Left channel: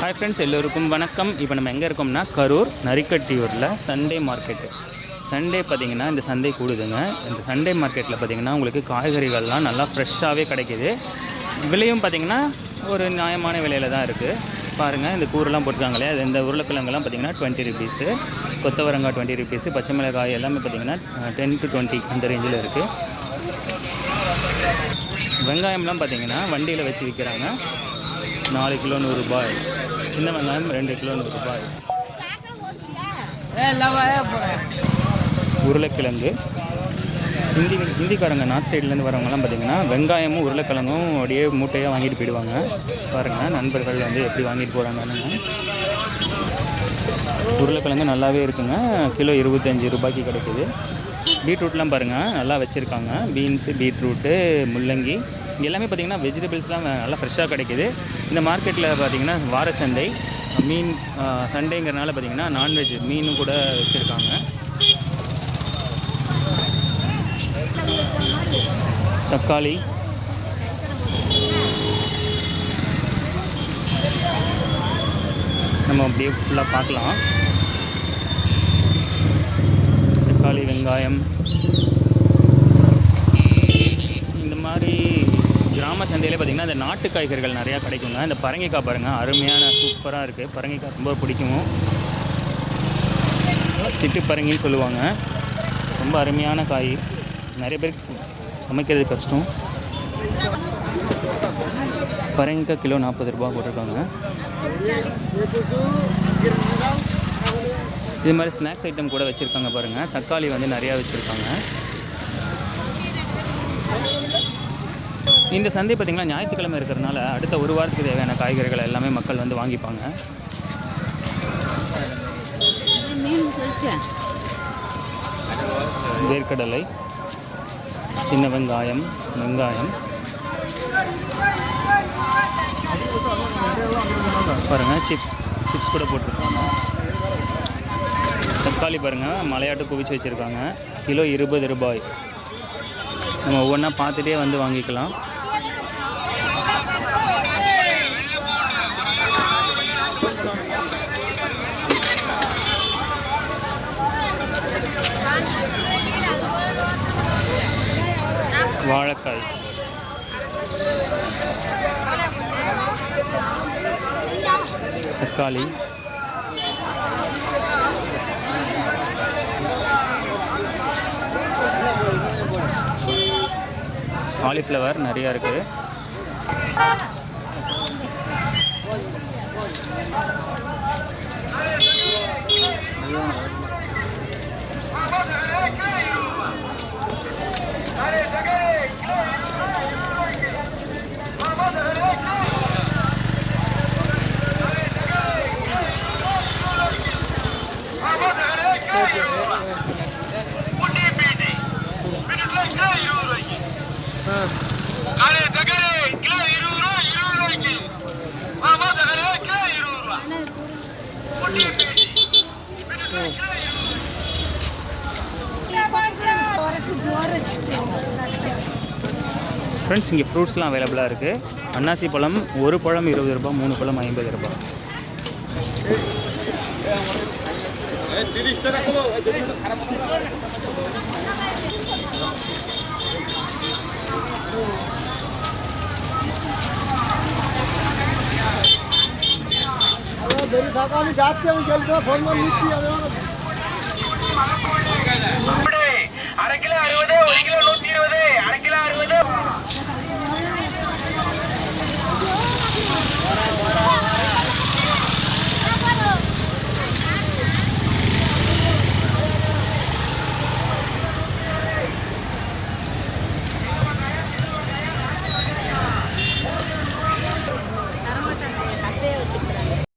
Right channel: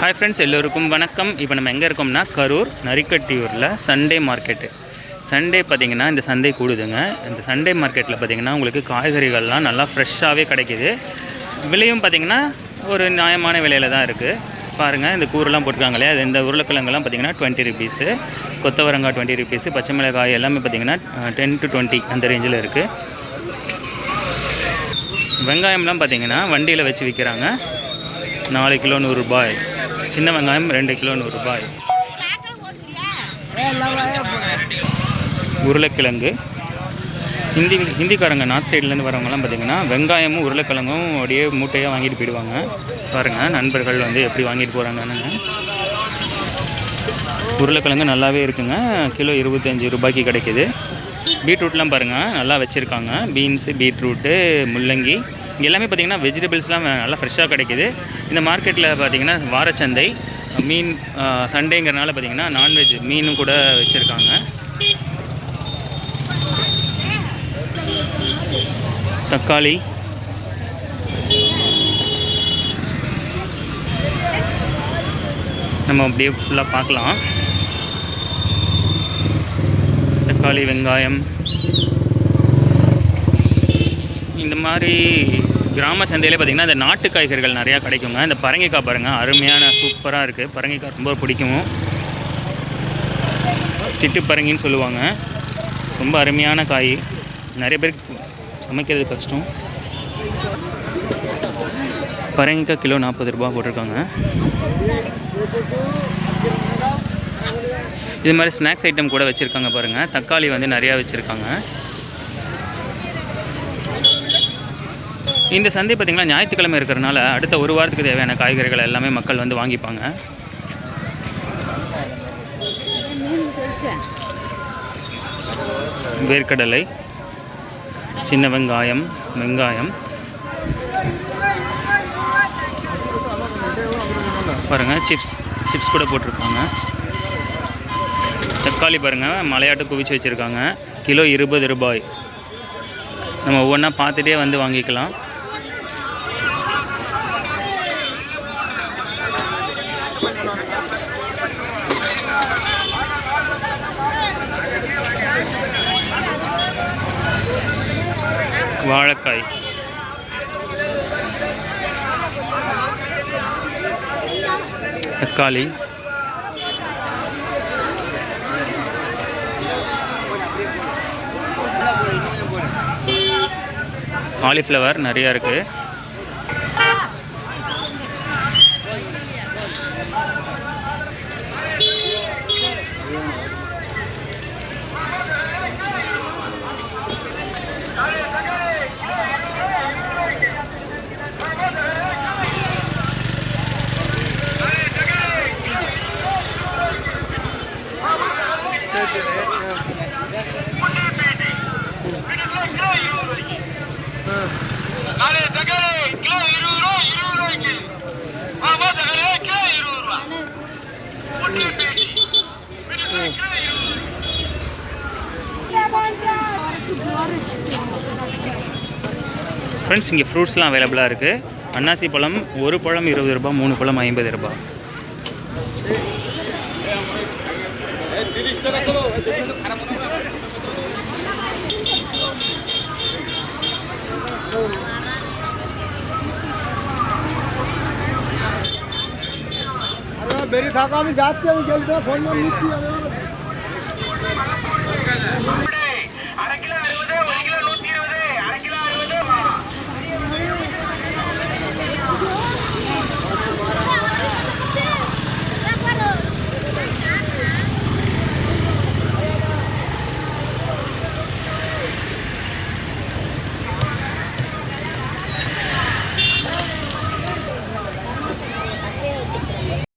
Hi friends எல்லோருக்கும் வணக்கம். இப்போ நம்ம எங்கே இருக்கோம்னா கரூர் நரிக்கட்டியூரில் சண்டே மார்க்கெட்டு சண்டே பார்த்தீங்கன்னா இந்த சந்தை கூடுதுங்க. இந்த சண்டே மார்க்கெட்டில் பார்த்தீங்கன்னா உங்களுக்கு காய்கறிகள்லாம் நல்லா ஃப்ரெஷ்ஷாகவே கிடைக்கிது. விலையும் பார்த்தீங்கன்னா ஒரு நியாயமான விலையில் தான் இருக்குது பாருங்கள் இந்த கூரெலாம் போட்டிருக்காங்களே அது இந்த உருளைக்கிழங்கெல்லாம் பார்த்தீங்கன்னா டுவெண்ட்டி ருபீஸு கொத்தவரங்காய் டுவெண்ட்டி ருபீஸு பச்சை மிளகாய் எல்லாமே பார்த்தீங்கன்னா டென் டு டுவெண்ட்டி அந்த ரேஞ்சில் இருக்குது வெங்காயம்லாம் பார்த்தீங்கன்னா வண்டியில் வச்சு விற்கிறாங்க. நாலு கிலோ நூறுரூபாய் சின்ன வெங்காயம் ரெண்டு கிலோ நூறுரூபாய் உருளைக்கிழங்கு. ஹிந்தி ஹிந்திக்காரங்க நார்த் சைட்லேருந்து வரவங்கலாம் பார்த்தீங்கன்னா வெங்காயமும் உருளைக்கிழங்கும் அப்படியே மூட்டையாக வாங்கிட்டு போயிடுவாங்க. பாருங்கள் நண்பர்கள் வந்து எப்படி வாங்கிட்டு போகிறாங்கன்னு உருளைக்கிழங்கு நல்லாவே இருக்குங்க. கிலோ இருபத்தஞ்சி ரூபாய்க்கு கிடைக்குது. பீட்ரூட்லாம் பாருங்கள் நல்லா வச்சுருக்காங்க. பீன்ஸு பீட்ரூட்டு முள்ளங்கி. இங்கே எல்லாமே பார்த்திங்கன்னா வெஜிடபிள்ஸ்லாம் நல்லா ஃப்ரெஷ்ஷாக கிடைக்குது. இந்த மார்க்கெட்டில் பார்த்திங்கன்னா வாரச்சந்தை மீன் சண்டேங்கிறனால பார்த்திங்கன்னா நான்வெஜ் மீனும் கூட வச்சுருக்காங்க. தக்காளி. நம்ம அப்படியே ஃபுல்லாக பார்க்கலாம். தக்காளி வெங்காயம். இந்த மாதிரி கிராம சந்தையில் பார்த்திங்கன்னா இந்த நாட்டு காய்கறிகள் நிறையா கிடைக்குங்க. இந்த பரங்கிக்காய் பாருங்கள் அருமையான சூப்பராக இருக்குது பரங்கிக்காய் ரொம்ப பிடிக்கும். சிட்டு பரங்கின்னு சொல்லுவாங்க. ரொம்ப அருமையான காய். நிறைய பேருக்கு சமைக்கிறது கஷ்டம். பரங்கிக்காய் கிலோ நாற்பது ரூபா போட்டிருக்காங்க. இது மாதிரி ஸ்நாக்ஸ் ஐட்டம் கூட வச்சுருக்காங்க பாருங்கள் தக்காளி வந்து நிறையா வச்சுருக்காங்க. இந்த சந்தை பார்த்திங்கன்னா ஞாயிற்றுக்கிழமை இருக்கிறனால அடுத்த ஒரு வாரத்துக்கு தேவையான காய்கறிகள் எல்லாமே மக்கள் வந்து வாங்கிப்பாங்க. வேர்க்கடலை சின்ன வெங்காயம் வெங்காயம். பாருங்கள் சிப்ஸ் சிப்ஸ் கூட போட்டிருக்காங்க தக்காளி பாருங்கள் மலையாட்டு குவிச்சு வச்சுருக்காங்க. கிலோ இருபது ரூபாய். நம்ம ஒவ்வொன்றா பார்த்துட்டே வந்து வாங்கிக்கலாம். வாழைக்காய். தக்காளி. காலிஃப்ளவர் நிறையா இருக்குது ஃப்ரெண்ட்ஸ் இங்கே ஃப்ரூட்ஸ்லாம் அவைலபிளாக இருக்குது அன்னாசி பழம் ஒரு பழம் இருபது ரூபா மூணு பழம் ஐம்பது ரூபா বেরিয়ে থাকো আমি যাচ্ছি আমি গেলে ফোন নিচ্ছি আমি